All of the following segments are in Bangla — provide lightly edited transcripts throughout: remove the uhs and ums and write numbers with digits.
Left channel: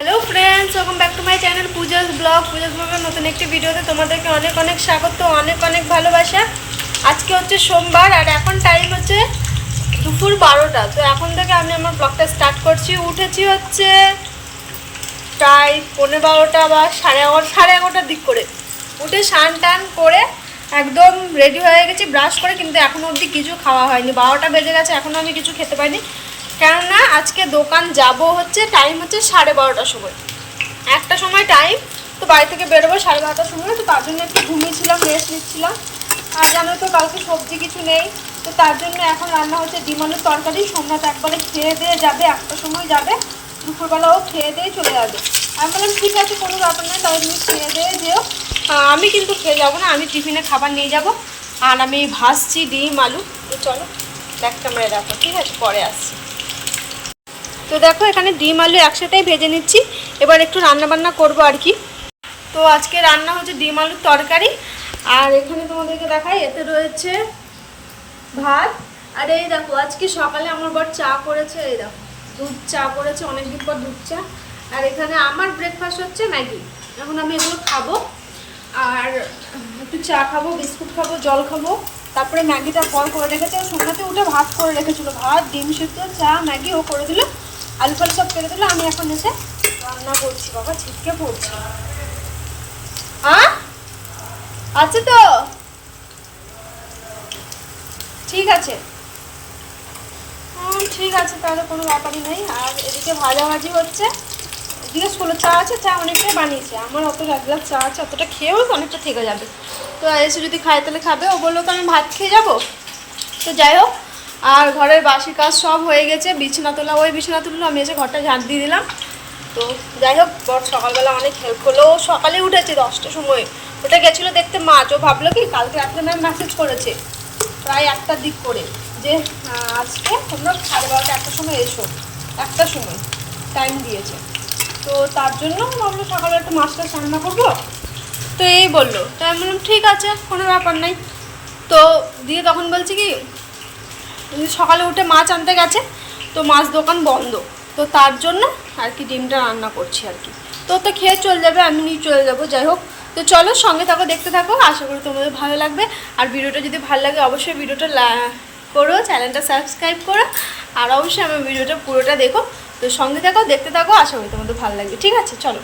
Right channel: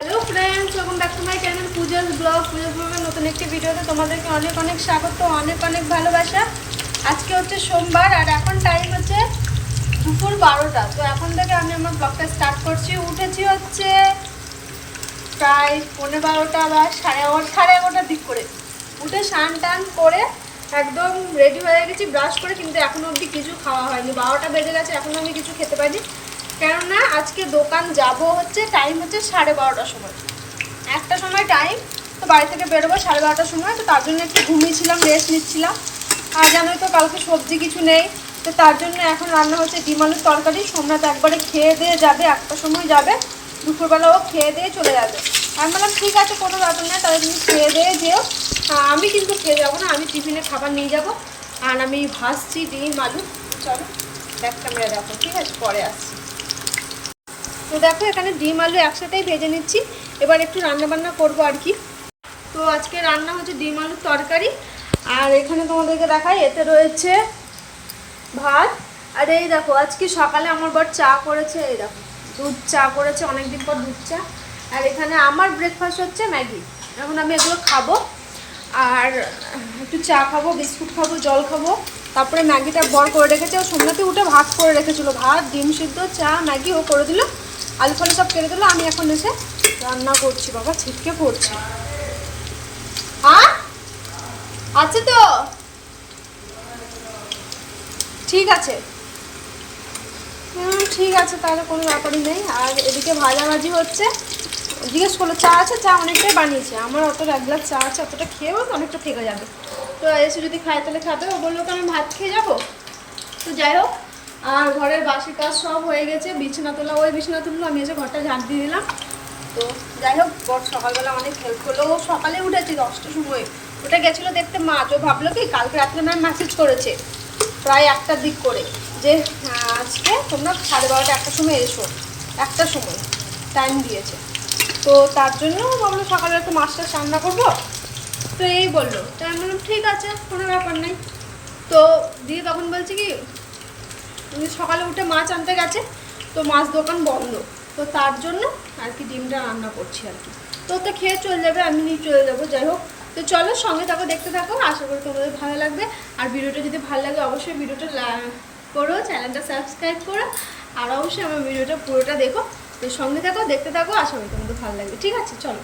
Hello friends, welcome back to my channel Pooja's blogger नतून एक भिडियोते तुम्हादेरके अनेक अनेक स्वागत अनेक अनेक भालोबासा। आज के होच्छे सोमवार और एखन टाइम होच्छे दुपुर 12टा। तो एखन थेके आमि आमार ब्लगटा स्टार्ट करछि। उठेछि होच्छे प्राय 12:15 बा 11:30 दिक करे। उठे स्नान टान करे एकदम रेडी हये गेछि ब्राश करे, किन्तु एखोनो अब्दि किछु खावा हयनि। 12टा बेजे गेছে, एखोनो आमि किछु खेते पारिनि। কেননা আজকে দোকান যাব হচ্ছে টাইম হচ্ছে 12:30টার সময়, একটা সময় টাইম। তো বাড়ি থেকে বেরোবো 12:30টার সময়। তো তার জন্য একটু ঘুমিয়েছিলাম, রেস্ট নিচ্ছিলাম। আর জানো তো কালকে সবজি কিছু নেই, তো তার জন্য এখন রান্না হচ্ছে ডিম আলুর তরকারি। সোমনাথ একবারে খেয়ে দিয়ে যাবে, একটার সময় যাবে, দুপুরবেলা ও খেয়ে দিয়ে চলে যাবে। আমি বললাম ঠিক আছে, কোনো ব্যাপার নেই, তাহলে তুমি খেয়ে দিয়ে যেও। আমি কিন্তু খেয়ে যাবো না, আমি টিফিনে খাবার নিয়ে যাব। আর আমি ভাজছি ডিম আলু। তো চলো ব্যাক ক্যামেরা দেখো, ঠিক আছে, পরে আসছি। তো দেখো এখানে ডিম আলু একসাথেই ভেজে নিচ্ছি। এবার একটু রান্না বান্না করবো আর কি। তো আজকে রান্না হচ্ছে ডিম আলুর তরকারি। আর এখানে তোমাদেরকে দেখাই, এতে রয়েছে ভাত। আর এই দেখো আজকে সকালে আমার বর চা করেছে, এই দেখো দুধ চা করেছে, অনেকদিন পর দুধ চা। আর এখানে আমার ব্রেকফাস্ট হচ্ছে ম্যাগি। এখন আমি এগুলো খাবো আর একটু চা খাবো, বিস্কুট খাবো, জল খাবো। তারপরে ম্যাগিটা বর করে রেখেছে, ও সোমনাথে উঠে ভাত করে রেখেছিলো, ভাত ডিম সিদ্ধ চা ম্যাগি ও করে দিল, আলু ফালু সব কেটে দিল। আমি এখন এসে রান্না করছি। বাবা ছিটকে পড়ছে। আছে তো, ঠিক আছে, ঠিক আছে, তাহলে কোনো ব্যাপারই নেই। আর এদিকে ভাজাভাজি হচ্ছে। জিজ্ঞেস করলো চা আছে, চা অনেকটাই বানিয়েছে। আমার অত এক গ্লাস চা আছে, অতটা খেয়েও তো অনেকটা থেকে যাবে। তো এসে যদি খায় তাহলে খাবে। ও বললো তো আমি ভাত খেয়ে যাবো। তো যাই হোক, আর ঘরের বাসি কাজ সব হয়ে গেছে। বিছানা তোলা, ওই বিছানা তুললো, আমি এসে ঘরটা ঝাঁট দিয়ে দিলাম। তো যাই হোক, বর সকালবেলা অনেক হেল্প করলো। ও সকালে উঠেছে 10টার সময়। ওটা গেছিলো দেখতে মাছ। ও ভাবলো কি কালকে রাত্রে ম্যাম মেসেজ করেছে প্রায় 1টার দিক করে যে আজকে তোমরা 12:30 1টার সময় এসো, 1টার সময় টাইম দিয়েছে। তো তার জন্য ভাবলো সকালবেলা তো মাছটা রান্না করবো। তো এই বললো, তো আমি বললাম ঠিক আছে, কোনো ব্যাপার নাই। তো দিয়ে তখন বলছি কি সকালে উঠে মাছ আনতে গেছে, তো মাছ দোকান বন্ধ। তো তার জন্য আর কি ডিমটা রান্না করছি আর কি। তো খেয়ে চলে যাবে, আমি নিয়ে চলে যাবো। যাই হোক, তো চলো সঙ্গে থাকো, দেখতে থাকো। আশা করি তোমাদের ভালো লাগবে। আর ভিডিওটা যদি ভালো লাগে অবশ্যই ভিডিওটা করো, চ্যানেলটা সাবস্ক্রাইব করো। আর অবশ্যই আমার ভিডিওটা পুরোটা দেখো। তো সঙ্গে থাকো, দেখতে থাকো, আশা করি তোমাদের ভালো লাগবে। ঠিক আছে, চলো।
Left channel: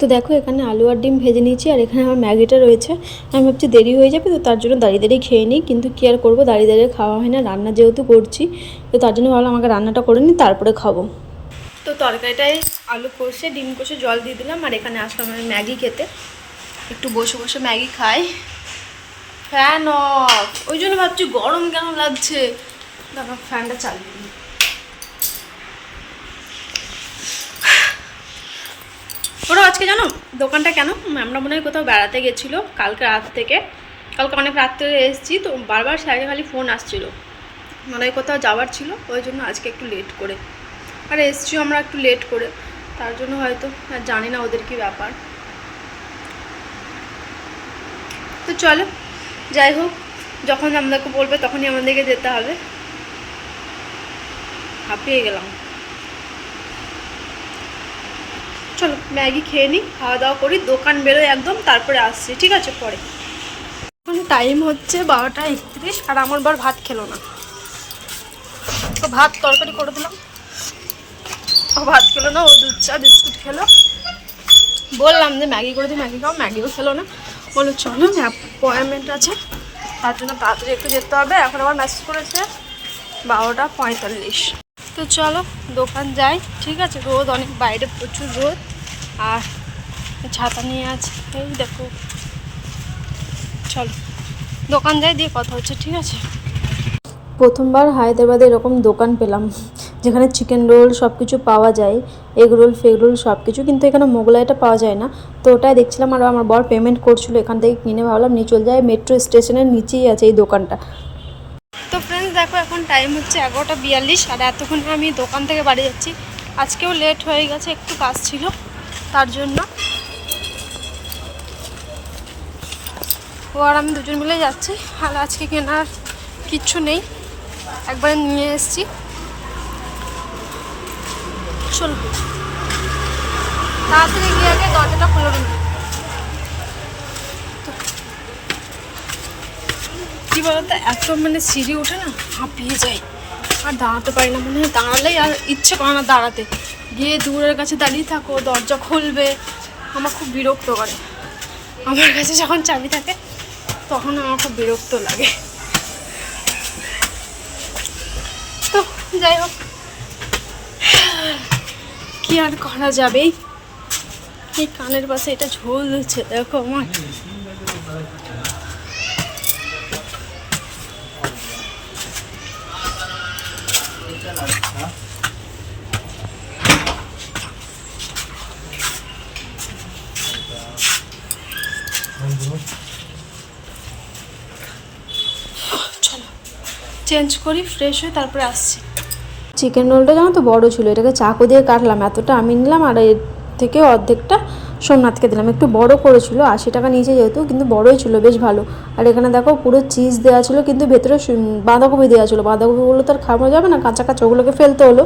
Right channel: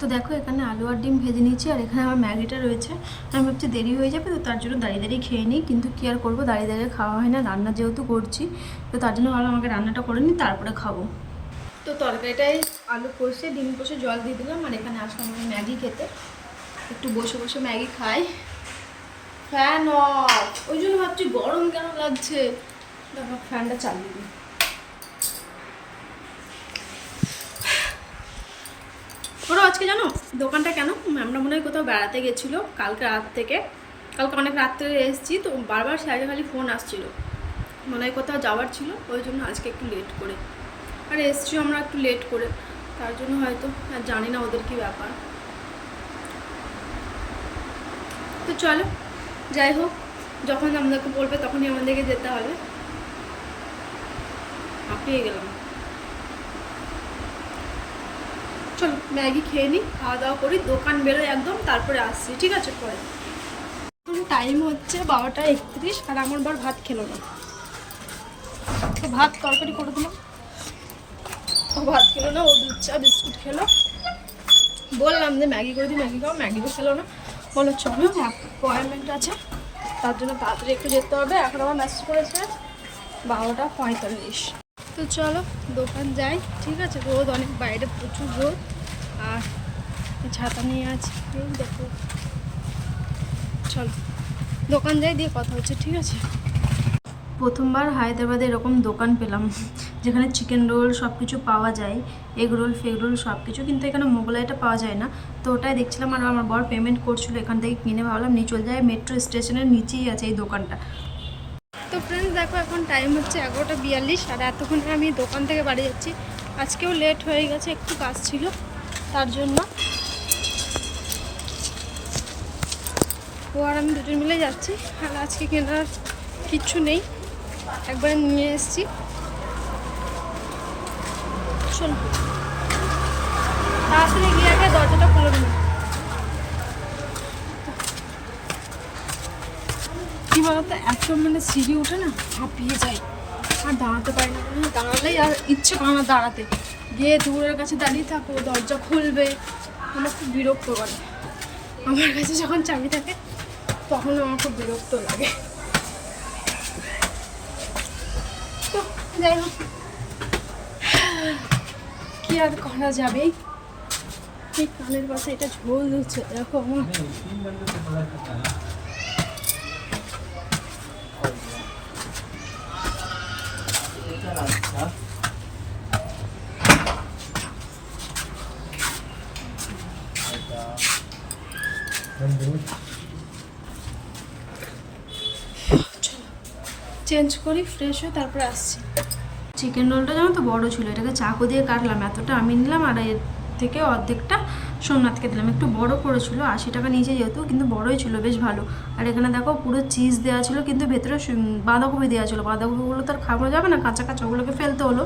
তো দেখো এখানে আলু আর ডিম ভেজে নিয়েছি। আর এখানে আমার ম্যাগিটা রয়েছে। আমি ভাবছি দেরি হয়ে যাবে, তো তার জন্য দাঁড়িয়ে দাঁড়িয়ে খেয়ে নিই। কিন্তু কী আর করবো, দাঁড়িয়ে দাঁড়িয়ে খাওয়া হয় না, রান্না যেহেতু করছি। তো তার জন্য ভাবলাম আমাকে রান্নাটা করে নিই, তারপরে খাবো। তো তরকারিটায় আলু কষে ডিম কষে জল দিয়ে দিলাম। আর এখানে আসলাম আমি ম্যাগি খেতে। একটু বসে বসে ম্যাগি খাই। ফ্যান অফ, ওই জন্য ভাবছি গরম কেন লাগছে। দেখো ফ্যানটা চালিয়ে দিই। ওরা আজকে জানো দোকানটা কেন, আমরা মনে হয় কোথাও বেড়াতে গেছিলো কালকে রাত থেকে। কালকে অনেক রাত্রে এসেছি, তো বারবার স্যারের খালি ফোন আসছিলো, মনে হয় কোথাও যাওয়ার ছিল, ওই জন্য আজকে একটু লেট করে। আর এসছি আমরা একটু লেট করে, তার জন্য হয়তো আর জানি না ওদের কি ব্যাপার। তো চলো যাই হোক, যখন আমাদেরকে বলবে তখনই আমাদেরকে যেতে হবে। হাঁপিয়ে গেলাম। চলো ম্যাগি খেয়ে নিই, খাওয়া দাওয়া করি, দোকান বেরোয় একদম, তারপরে আসছি। ঠিক আছে পরে। এখন টাইম হচ্ছে 12:31 আর আমার বার ভাত খেলো না। তো ভাত তরকারি করে দিলাম, ও ভাত খেলো না, ও দুধ চা বিস্কুট খেলো। বললাম যে ম্যাগি করে দিই, ম্যাগি খাও, ম্যাগিও খেলো না। বললো চলো অ্যাপয়েন্টমেন্ট আছে, তার জন্য তাড়াতাড়ি একটু যেতে হবে। এখন আবার মেসেজ করেছে 12:45। তো চলো দোকান যাই। ঠিক আছে, রোদ অনেক, বাইরে প্রচুর রোদ। আর ছাতা নিয়ে আছে, এই দেখো। চলো দোকান যাই, দিয়ে কথা হচ্ছে। ঠিক আছে। প্রথমবার হায়দ্রাবাদে এরকম দোকান পেলাম যেখানে চিকেন রোল সব কিছু পাওয়া যায়, এগ রোল ফেগ রোল সব কিছু, কিন্তু এখানে মোগলাইটা পাওয়া যায় না। তো ওটাই দেখছিলাম। আর আমার বর পেমেন্ট করছিল, এখান থেকে কিনে ভাবলাম নিয়ে চলে যায়। মেট্রো স্টেশনের নিচেই আছে এই দোকানটা। তো ফ্রেন্ডস দেখো এখন টাইম হচ্ছে 11:42। আর এতক্ষণ আমি দোকান থেকে বাড়ি যাচ্ছি। আজকেও লেট হয়ে গেছে, একটু কাজ ছিল তার জন্য। ও আর আমি দুজন মিলে যাচ্ছি। আর আজকে কেনার কিচ্ছু নেই, একবারে নিয়ে এসেছি। চলো তাড়াতাড়ি গিয়ে আগে দরজাটা খুলে না। কি বলতো, এত মানে সিঁড়ি ওঠে না, হাঁপিয়ে যায় আর দাঁড়াতে পারি না। মনে হয় দাঁড়ালেই আর ইচ্ছে করে না দাঁড়াতে। গিয়ে দূরের কাছে দাঁড়িয়ে থাকো, দরজা খুলবে, আমার খুব বিরক্ত করে। আমার কাছে যখন চাবি থাকে তখন আমার খুব বিরক্ত লাগে। তো যাই হোক, কি আর করা যাবে। এই কানের পাশে এটা ঝোল দিচ্ছে, দেখো আমার। চলো চেঞ্জ করি, ফ্রেশ হয়ে তারপরে আসছি। চিকেন রোলটা জানো তো বড়ো ছিল, এটাকে চাকু দিয়ে কাটলাম, এতটা আমি নিলাম আর এর থেকে অর্ধেকটা সোমনাথকে দিলাম। একটু বড় করেছিল, 80 টাকা নিচে যেহেতু, কিন্তু বড়োই ছিল, বেশ ভালো। আর এখানে দেখো পুরো চিজ দেওয়া ছিল, কিন্তু ভেতরে বাঁধাকপি দেওয়া ছিল। বাঁধাকপিগুলো তো আর খাওয়া যাবে না, কাঁচা কাঁচা, ওগুলোকে ফেলতে হলো।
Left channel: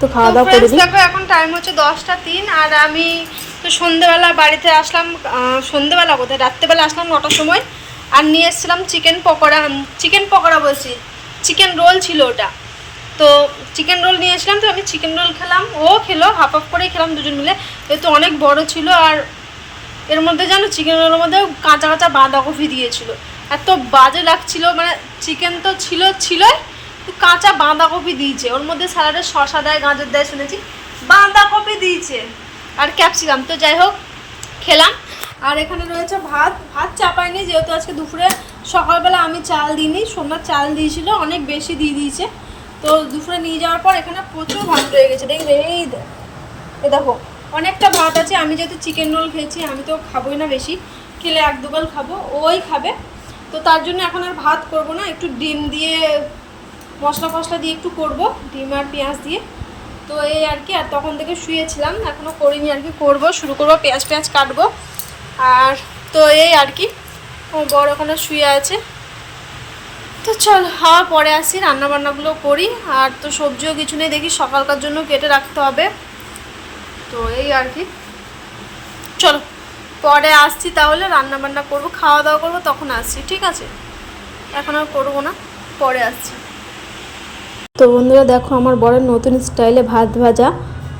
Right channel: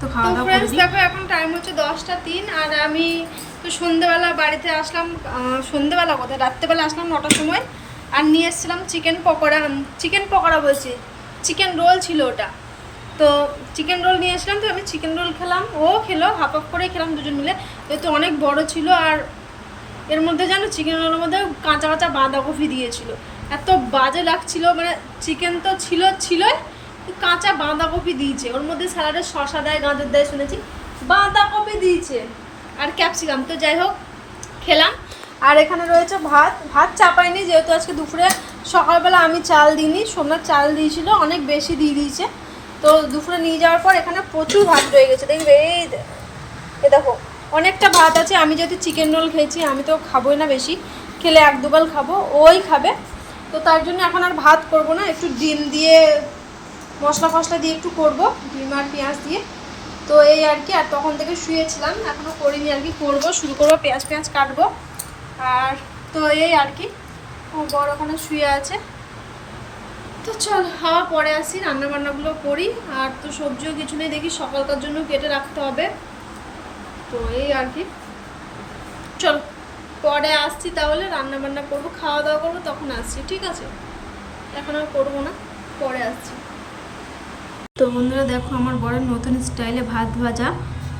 তো খাওয়া দাওয়া করে দেখো এখন টাইম হচ্ছে 10টা 3, আর আমি তো সন্ধ্যেবেলা বাড়িতে আসলাম। সন্ধ্যেবেলা কোথায়, রাত্রেবেলা আসলাম 9টার সময়। আর নিয়ে এসেছিলাম চিকেন পকোড়া বলছি, চিকেন রোল ছিল ওটা। তো চিকেন রোল নিয়ে আসলাম, তো আমি চিকেন রোল খেলাম, ও খেলো, হাফ হাফ করেই খেলাম দুজন মিলে। যেহেতু অনেক বড় ছিল, আর এর মধ্যে জানো চিকেন রোলের মধ্যে কাঁচা কাঁচা বাঁধাকপি দিয়েছিল। এত বাজে লাগছিল, মানে চিকেন তো ছিলই, তো কাঁচা বাঁধাকপি দিয়েছে ওর মধ্যে। স্যালাডে শসা দেয়, গাজর দেয় শুনেছি, বাঁধাকপি দিয়েছে আর ক্যাপসিকাম। তো যাই হোক খেলাম। আর এখানে রয়েছে ভাত চাপাইনি, যেহেতু আজকে দুপুরে সকালবেলা আমি চাল দিইনি, সোমনাথ চাল দিয়েছিল, অনেক বেশি দিয়ে দিয়েছে। তো দুপুরে নিয়ে যাওয়ার পর এখানে প্রচুর ভাত রয়ে গেছে, দেখবে এই দেখো অনেকটা ভাত আছে। আমি যেহেতু চিকেন রোল খেয়েছি, আমি তো খাবোই না বেশি, খেলে 1-2 গাল খাবো, ওই খাবে। তো তার জন্য এখন আর ভাত করব না, একটু ডিম দিয়ে মশলা দিয়ে একটু করব, ডিম আর পেঁয়াজ দিয়ে। তো এই আর কি। আর তখন থেকে শুয়েছিলাম, এখনও করিনি আর কি, করবো, শুরু করবো, পেঁয়াজ কাটবো। আর তো এই আর কি, বড় ওখানে শুয়ে আছে। তো চল হাওয়া পরে আসি, রান্নাবান্নাগুলো করি। আর তো সবজিও কিছু নেই, দেখি সকালকার জন্য কেটে রাখতে হবে। তো এই আর কি, চলো পরে আসছি, তাহলে রান্নাবান্না করবো, খাওয়া দাওয়া করবো, তখন আসছি, ঠিক আছে? এখন আর করবো না, পরে আসছি। তো বন্ধুরা দেখো, আমার বড় নতুন স্টাইলে ভাত ভাজা,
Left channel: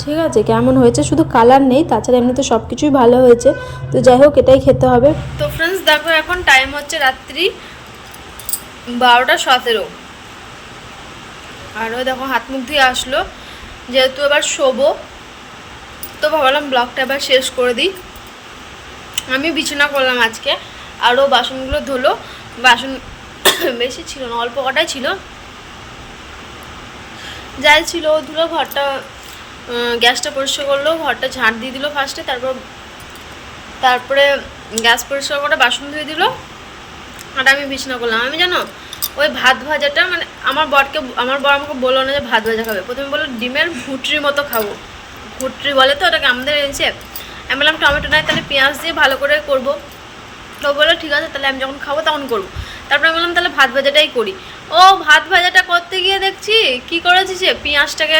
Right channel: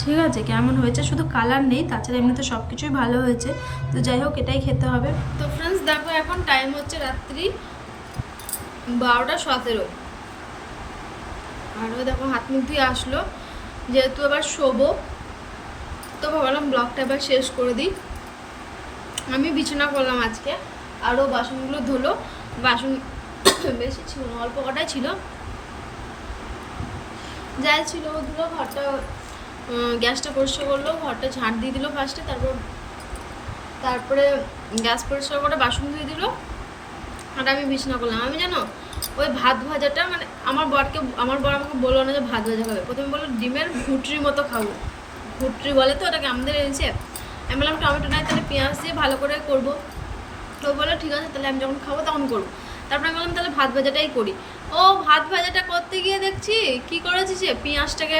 ঠিক আছে? কেমন হয়েছে, শুধু কালার নেই, তাছাড়া এমনিতে সব কিছুই ভালো হয়েছে। তো যাই হোক, এটাই খেতে হবে। তো ফ্রেন্ডস দেখো, এখন টাইম হচ্ছে রাত্রি 12টা 17। আরও দেখো হাত মুখ দিয়ে আসলো, যেহেতু এবার শোবো, তো ভাবলাম ব্লগটা এবার শেষ করে দিই। আমি বিছানা করলাম আজকে, আরও বাসনগুলো ধুলো। বাসন বেশি ছিল না, অল্প কটাই ছিল, যাই ছিল ধুলো। ঘরটা গ্যাসটা পরিষ্কার করলো, ঘরটা ঝাঁট দিয়ে দিল ফার্স্টে, তারপরে গ্যাস পরিষ্কার করে বাসন ধুয়ে দিল। আর আমি বিছানা করলাম। আমি জানো ওই ভাত ভাজাটা, মানে আমার বর আমাকে বললো না যে ভাত ভাজা খাবে, প্রথমে বললো ডিমের ভুটরির মতো খাবো, ভুটরি বলে তো ওটাকে আমাদের এনেছে। আমি বললাম টমেটো নাই, তাহলে পেঁয়াজ দিয়ে ভালো করে করবো। তো বললো ঠিক আছে, তাহলে আমি যখন খাবো তখন করবো। তারপরে আমি বললাম তাহলে ভাত ভাজাটাই করি। ও ভাত ভাজাটা করতে গিয়ে দেখছি কি করেছি, যে পেঁয়াজটাকে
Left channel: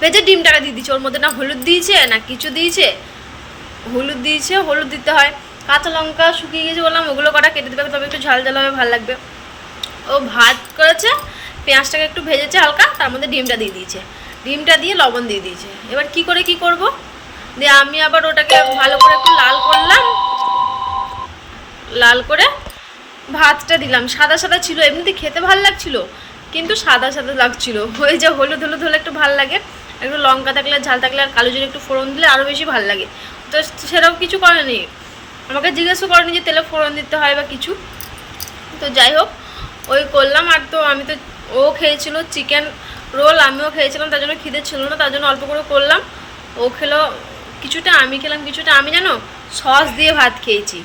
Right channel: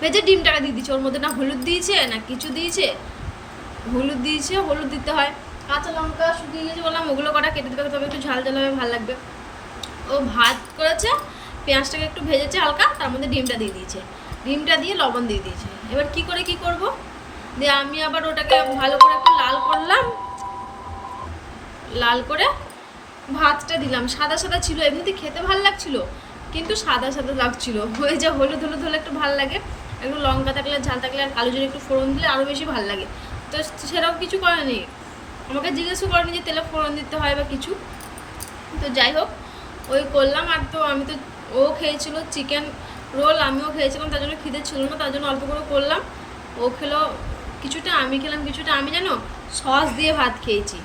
ভেজে ডিমটাকে দিয়ে দিচ্ছে, ওর মধ্যে না হলুদ দিয়েছে না কিছু দিয়েছে। হলুদ দিতে হয়, কাঁচা লঙ্কা শুকিয়ে গেছে, বললাম ওগুলো কটা কেটে দেবে, তবে একটু ঝাল হবে, ভালো লাগবে। ও ভাত করেছে, পেঁয়াজটাকে একটু ভেজেছে হালকা, তার মধ্যে ডিমটা দিয়ে দিয়েছে, ডিমটা দিয়ে লবণ দিয়ে দিয়েছে। এবার কি করব, দিয়ে আমি আবার ওটাকে ভালো করে একটু লাল করে ভাতটা দিলাম। সাদা সাদা ছিল, এমনিতে খেতে ভালো লাগছিল, কিন্তু সাদা সাদা লাগছিল। ওই যে হলুদ হলে একটু ভালো লাগে, একটু লঙ্কা থাকলে, ঝাল থাকলে, আর কালো জিরে একটু ফোড়ন দিলে আরও বেশি ভালো লাগে। তো সেরকম কিছু করেনি, আমাকে জিজ্ঞেসও করেনি যে তেলে ফোড়ন দিতে হয় বা কিছু। তো যাই হোক ওই করলাম। আর তো আমি তো, ও খেয়েছিল চিকেন রোল, আমিও খেয়েছিলাম, তার জন্য খিদে ছিল না, তার জন্য অল্প করে করলাম। ও খেলো কিছুটা, আমি খেলাম কিছুটা। আমি জানো সস দিয়ে ভাত খেয়েছি,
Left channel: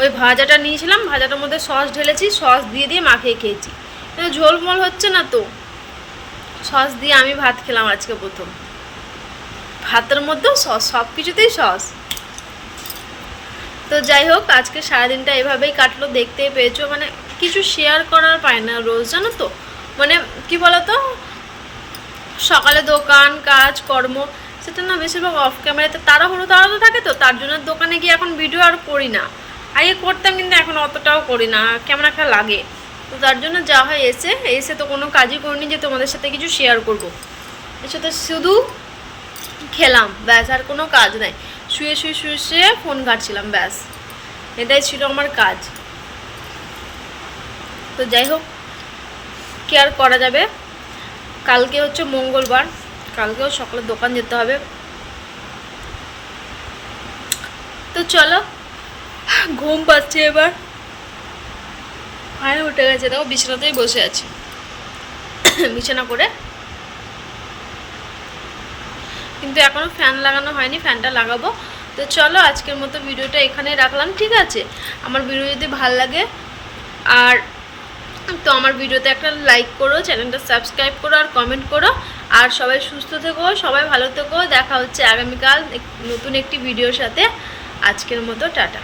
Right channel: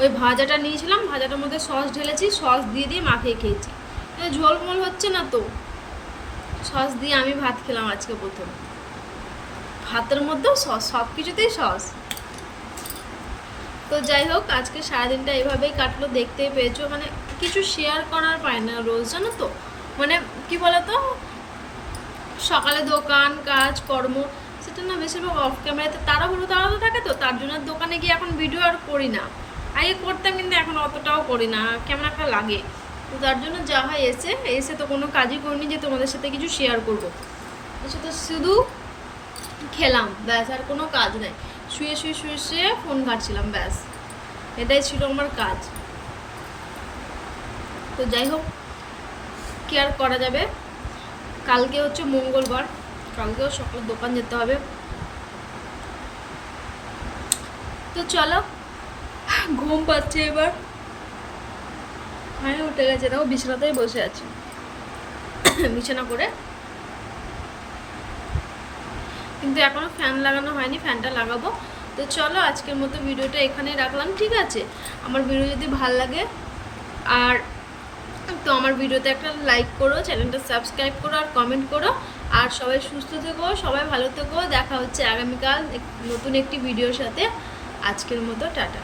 ওই ভাজাটা নিয়েছিলাম, ভাজাটার মধ্যে সস ঢেলেছি, সস দিয়ে মাখিয়ে খেয়েছি। ঝোলমোল হচ্ছে না, তো সস দিয়ে আমি ভাত খেলাম আজকে প্রথম। ভাতের মধ্যেও সস, সব কিছুতেই সস। তো যাই হোক, আজকে সারাদিনটা এভাবেই কাটলো, দেখতেই পেয়েছো। মানে কিছু শেয়ার করার পায় না রোজ, জানো তো। মানে কি বলতো, সকালে দোকান কাজ কর্ম, সেটা না বেশিরভাগ অফ ক্যামেরাতে তাড়াহুড়ো থাকে, তো তার জন্য দোকানে গিয়ে এখন ভিডিও আর করি না। আগে করতাম কিন্তু এখন অতটাও করি না, কেমন একটা লাগে। তো তার জন্য যা হয় এসে তো কোনো কাজই করিনি যে তোমাদের সাথে কিছু শেয়ার করব। এসে তো শুধু খেলাম ব্যাস, আর কোনো কাজ নাই। শুয়ে ফোন ঘাঁটছিলাম ব্যাস, এটাই ছিল আমার কাজ। তো যাই হোক, কি আর করা যাবে। কালকে হচ্ছে মঙ্গলবার, কালকেও সকালে দোকান যেতে হবে। তো চলো, ঘুম পাচ্ছে এবার, আরে উঠে গেছে, দেখো বিছানাতেই বসে আছি। বিছানা করে কিন্তু এখনো ফ্যান লাগানো হয়নি, ফ্যানটা লাগাবো। তো চলো আজকের মতো ভিডিওটা এখানেই রাখলাম, ঠিক আছে? আমার ভিডিও যদি ভালো লাগে আর তো আমার ভিডিওতে একটা লাইক করো, চ্যানেলটা সাবস্ক্রাইব করো আর কমেন্ট করো। আর সবাই সুস্থ থেকো, সবাই ভালো থেকো। দেখা হচ্ছে আগামীকাল নতুন একটি ভিডিওর সাথে। আজকের মতো টাটা।